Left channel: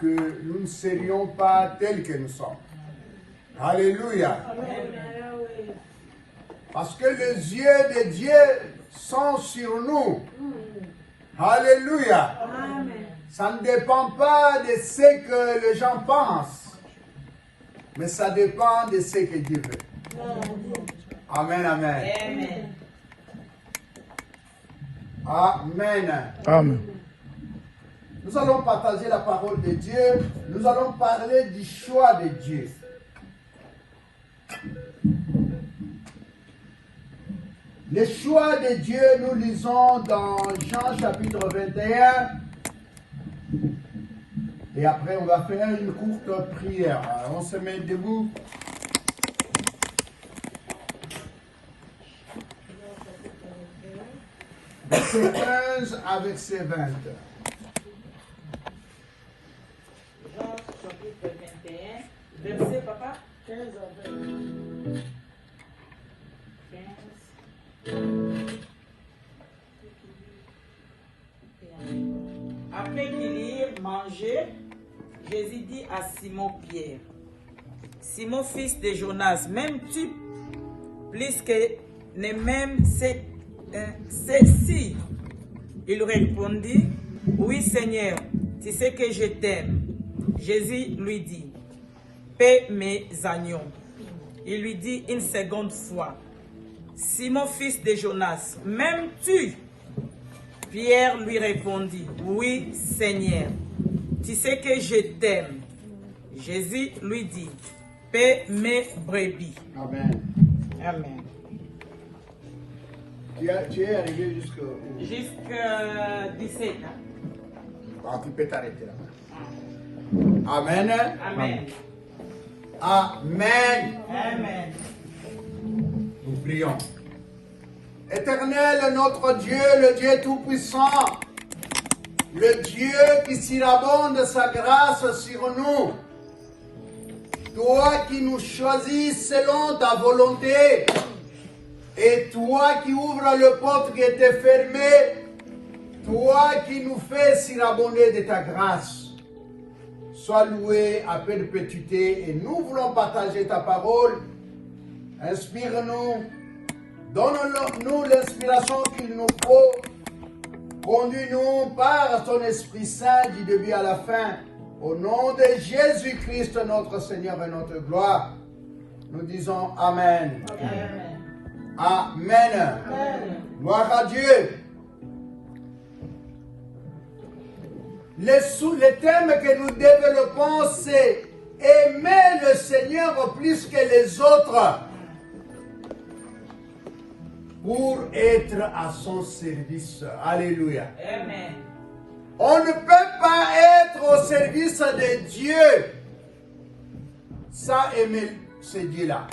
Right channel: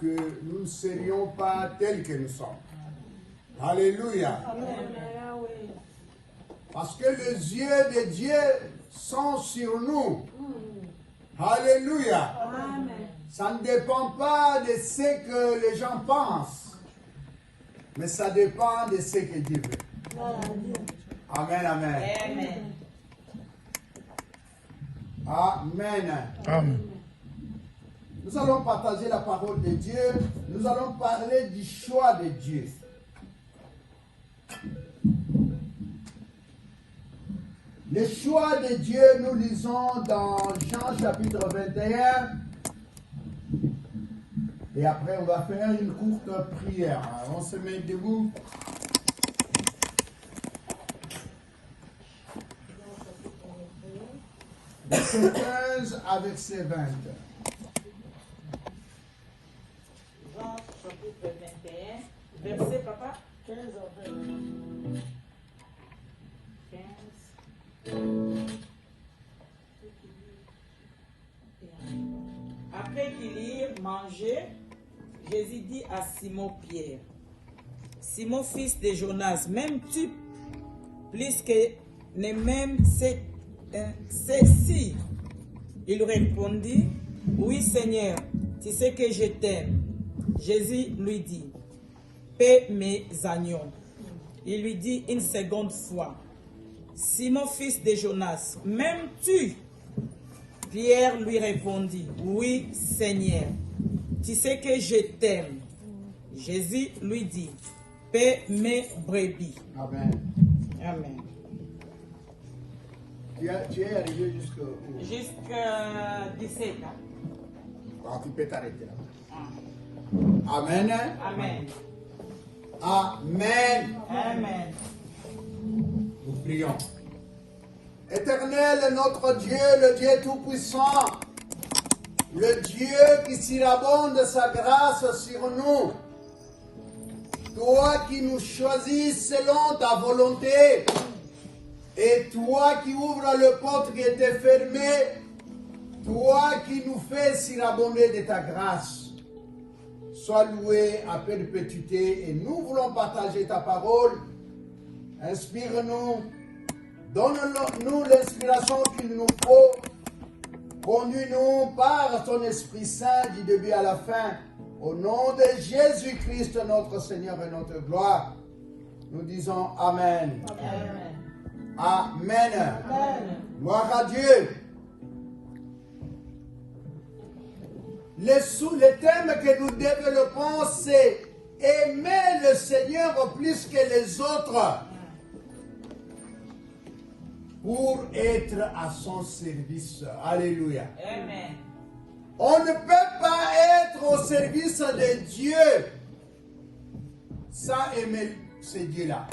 que nous ne serions pas tels que nous sommes. Alléluia. Parce que les yeux de Dieu sont sur nous. Alléluia. Ça ne dépend pas de ce que les gens pensent, mais ça dépend de ce que Dieu veut. Amen, amen. Amen. Amen. Nous allons partager la parole de Dieu. Nous allons parler du choix de Dieu. Le choix de Dieu, nous lisons dans Jean chapitre 21. Et après, on va faire une courte prière. On se met debout. Verset 15 à verset 20. Jean chapitre 21, verset papa 15 à 20. 15. Après qu'ils eurent mangé, Jésus dit à Simon-Pierre, Simon, fils de Jonas, m'aimes-tu plus que ne m'aimes ceci? Il répondit, oui Seigneur, tu sais que je t'aime. Jésus lui dit, paie mes agneaux. Il lui dit une seconde fois, Simon, fils de Jonas, m'aimes-tu? Pierre lui répondit, oui Seigneur, tu sais que je t'aime. Jésus lui dit, paie mes brebis. Amen. Amen. Tu es arrivé jusqu'à... Jusqu'à 17. Hein? Ah, tu peux t'arrêter là. Amen. Amen. Amen. Amen. Nous prions. Éternel, notre Dieu, le Dieu Tout-Puissant, le Dieu qui surabonde de sa grâce sur nous, toi qui nous choisis selon ta volonté, et toi qui ouvres le porte qui était fermée, toi qui nous fais surabonder de ta grâce, sois loué à perpétuité et nous voulons partager ta parole. Inspire-nous, donne-nous l'inspiration qu'il nous faut, conduis-nous par ton Esprit Saint du début à la fin. Au nom de Jésus-Christ, notre Seigneur et notre gloire, nous disons Amen. Amen. Amen. Gloire à Dieu. Le thème que nous développons, c'est aimer le Seigneur plus que les autres pour être à son service. Alléluia. Amen. On ne peut pas être au service de Dieu sans aimer ce Dieu-là.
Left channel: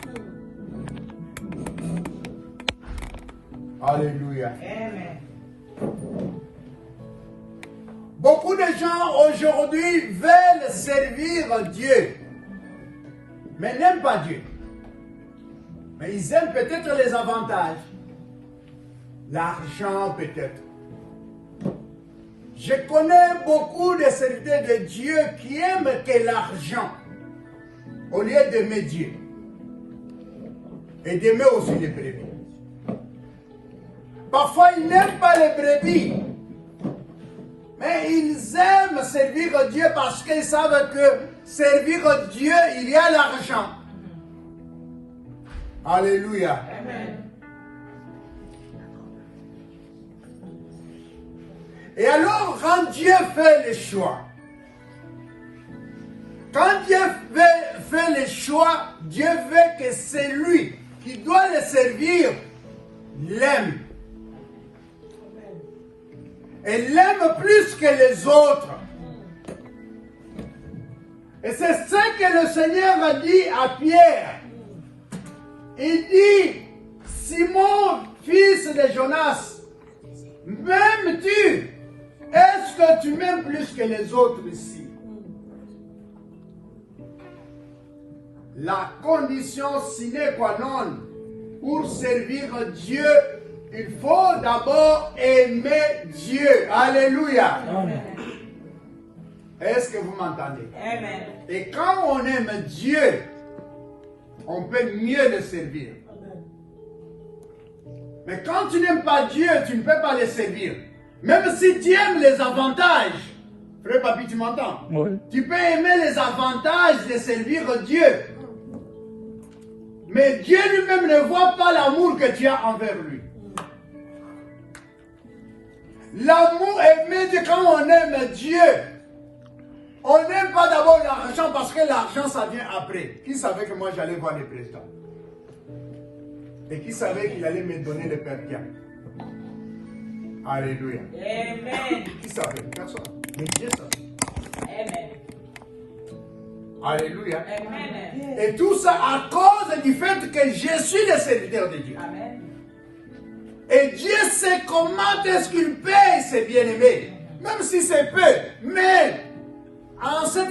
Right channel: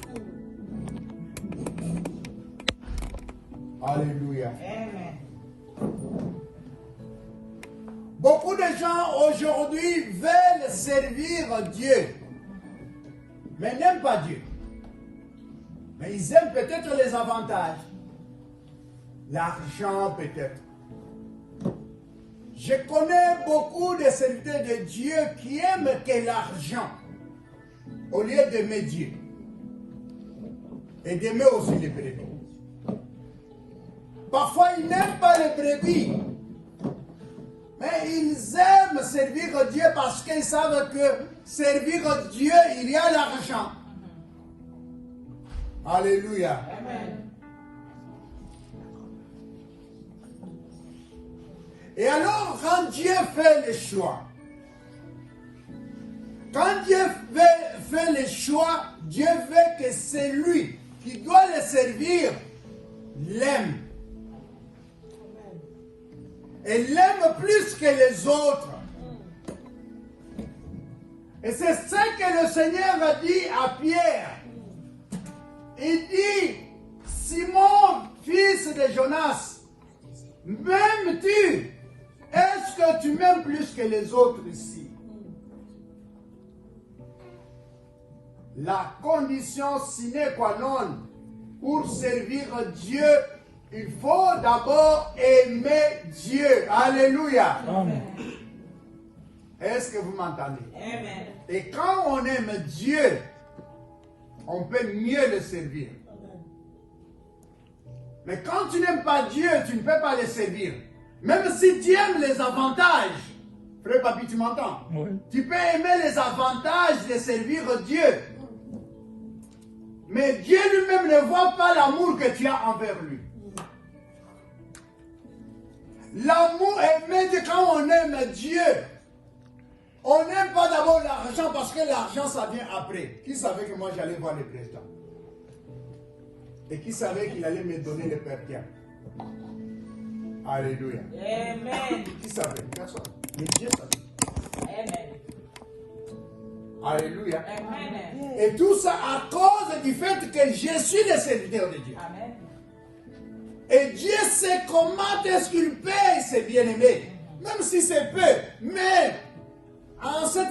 Alléluia. Amen. Beaucoup de gens aujourd'hui veulent servir Dieu, mais n'aiment pas Dieu. Mais ils aiment peut-être les avantages, l'argent peut-être. Je connais beaucoup de serviteurs de Dieu qui aiment que l'argent au lieu d'aimer Dieu et d'aimer aussi les brebis. Parfois, ils n'aiment pas les brebis, mais ils aiment servir Dieu parce qu'ils savent que servir Dieu, il y a l'argent. Alléluia. Amen. Et alors, quand Dieu fait le choix, fait le choix, Dieu veut que celui qui doit le servir l'aime. Et l'aime plus que les autres. Et c'est ce que le Seigneur a dit à Pierre. Il dit, Simon, fils de Jonas, m'aimes-tu? Est-ce que tu m'aimes plus que les autres ici? La condition sine qua non pour servir Dieu, il faut d'abord aimer Dieu. Alléluia. Amen. Est-ce que vous m'entendez? Amen. Et quand on aime Dieu, on peut mieux le servir. Mais quand tu n'aimes pas Dieu, tu ne peux pas le servir. Même si tu aimes les avantages, frère Papi, tu m'entends? Oui. Tu peux aimer les avantages de servir Dieu. Mais Dieu lui-même ne voit pas l'amour que tu as envers lui. L'amour est médié quand on aime Dieu. On n'aime pas d'abord l'argent parce que l'argent, ça vient après. Qui savait que moi, j'allais voir le président? Et qui savait qu'il allait me donner le Père Pierre? Alléluia. Amen. Qui savait? Personne. Mais Dieu savait. Amen. Alléluia. Amen. Et tout ça à cause du fait que je suis le serviteur de Dieu. Amen. Et Dieu sait comment est-ce qu'il paye ses bien-aimés. Même si c'est peu. Mais en cette